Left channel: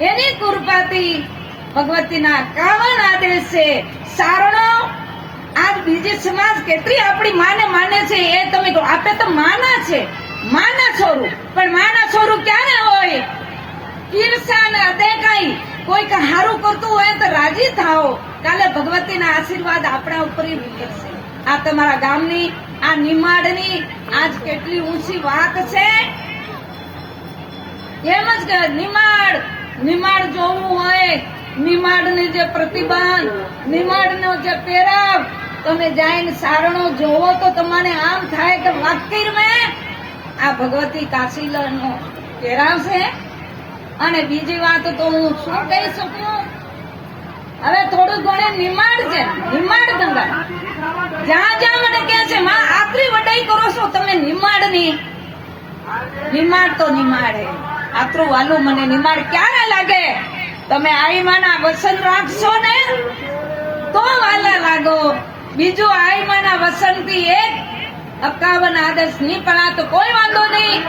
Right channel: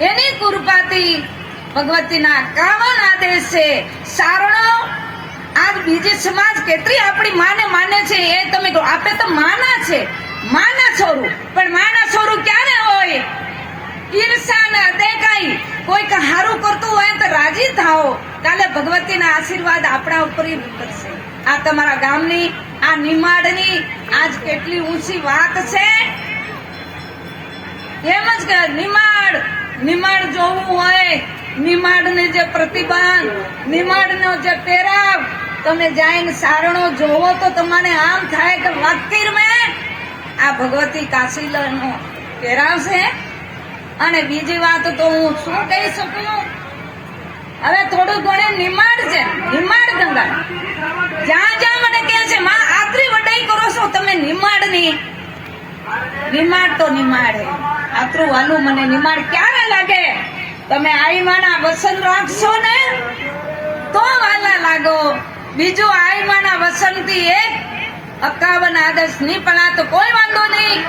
એની કૃપાથી ભગવતીના 51 આદેશ છે. સારણો આજ બીજી સમાજ કેટલી આપણી માને માને છે એ તમે કહો. આપે તો માના છે, માના છોરું, પણ માના છોરું ક્યારે હોય? ઈર્ષા ને અદેખાઈ. કોઈક હારું કરતું હોય તો રાજી થાઓ, કાલે ભગવતીના આશીર્વાદ આપણા ઉપર પડશે. આ તમારા ગામની, આ નિમાડની આજ કેટલી ઊંચી વાત છે. એમ જ કે નિમાડ જોવું હોય, નિમાડની જે પ્રતિબંધ, નિમાડનો જે પહેરાવ, તમે જઈને સારણો જોવો તો તમને આમ થાય કે વાકીર મેં આ ભગવતી કાશીનો પહેરાવ છે. અને બીજી વાત તો હું શું કહી શકું? હવે થોડું ઘણું નિમાડ છે, નિમાડ ગંગા જ્યાં જ્યાં મને કહે છે માં આટલી વડાઈ કરો છો તમે નિમાડની. નિમાડ તો નિમાડ હે. આટલું વાલું મને નિમાડ ક્યારે લાગે? તમે આઈમાના વસન રાખશો ને તો વાલા લાગો. બીજું આઈમાના વસનથી 51 આદર્શ નહીં પડા તો કોઈ વાંધો નહીં,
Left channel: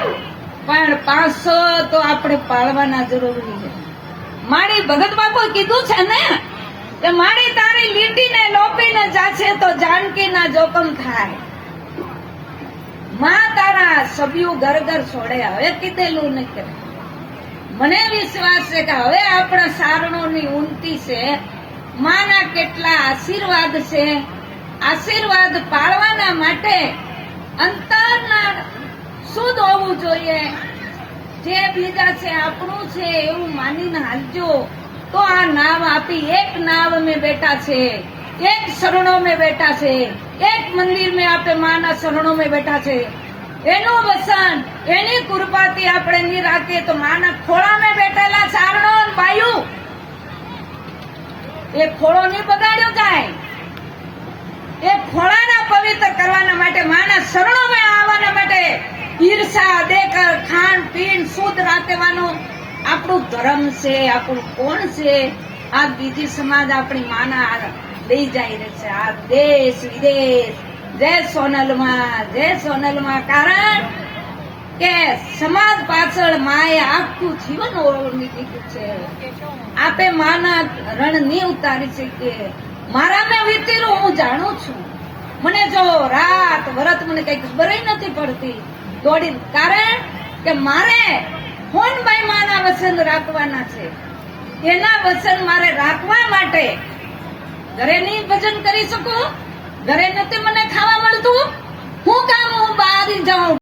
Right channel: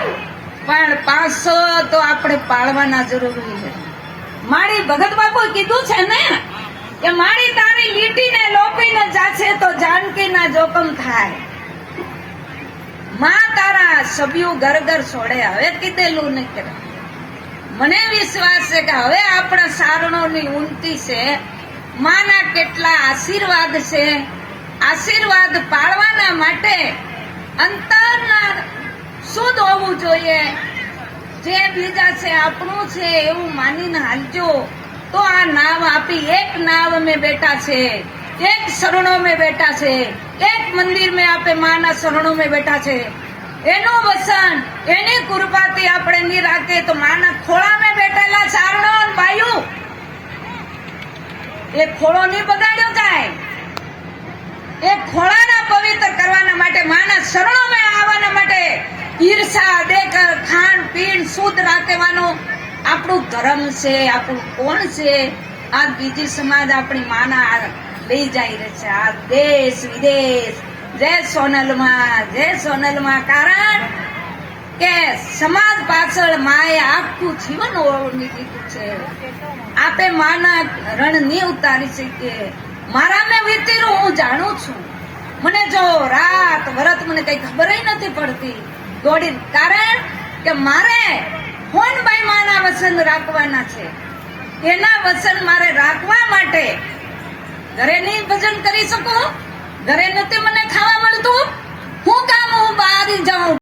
પણ 500 તો આપણે પાળવાના જરૂરી છે. મારી ભગત બાપુ કીધું છે ને કે મારી તારી લીટીને લોપીને જાશે તો જાનકીના જોખમ થાય. માં તારા સભ્યું ઘર ઘર છોડે. હવે કીધેલું નહીં કરે. મને વિશ્વાસ છે કે હવે આપણા સારણોની ઉન્નતિ છે. માના કેટલા આશીર્વાદ છે. આશીર્વાદ પાળવાના માટે અંતરના શુદ્ધ હોવું જોઈએ. જે બીજા છે આપણું છે એવું માનીને હાલજો તો આ નાવ આપી. એક નાવ મેં બેઠા છે, એક શરણો મેં બેઠા છે, એક મંદિર મેં આપે માના શરણો મેં બેઠા છે. એનું વસન, એની કૃપાથી આપણે નહીં રાખીએ તો માના ખોળા મેં બેઠેલા સારણો બાયું એ ખોળો નહીં બગાડ્યો જાય. એ ખોળાના પવિત્ર કરવાના માટે, માના શરણો મેં આવવાના માટે ઈર્ષા દેખ ખાણ પીણ શુદ્ધ રાખવાનું આપણું ધર્મ છે, આપણું કોણ છે. આ બીજી સમાજ આપણી માના લઈ જાય રહે છે. આ દેશ વિદેશ જય સોનલમાં કારણ કે સમાજ પાછળ માએ આખું જીવન ઓળંગી દીધું છે. આપે માના રણ નહીં ઉતારી શકીએ. મારા મેં વીતીરું હું જાણું છું. મને જો રાત વરત મને કઈ ખબર નથી પડતી દોડી, કારણ કે મારે હોનભાઈ માના વસન રાખવાના છે. એના વસન મારે રાખવા માટે ઘરે નહીં ભજન કરી શકું. ઘરે નથી મને ખાવા મળતું. હું કામ હું બહાર જાઉં.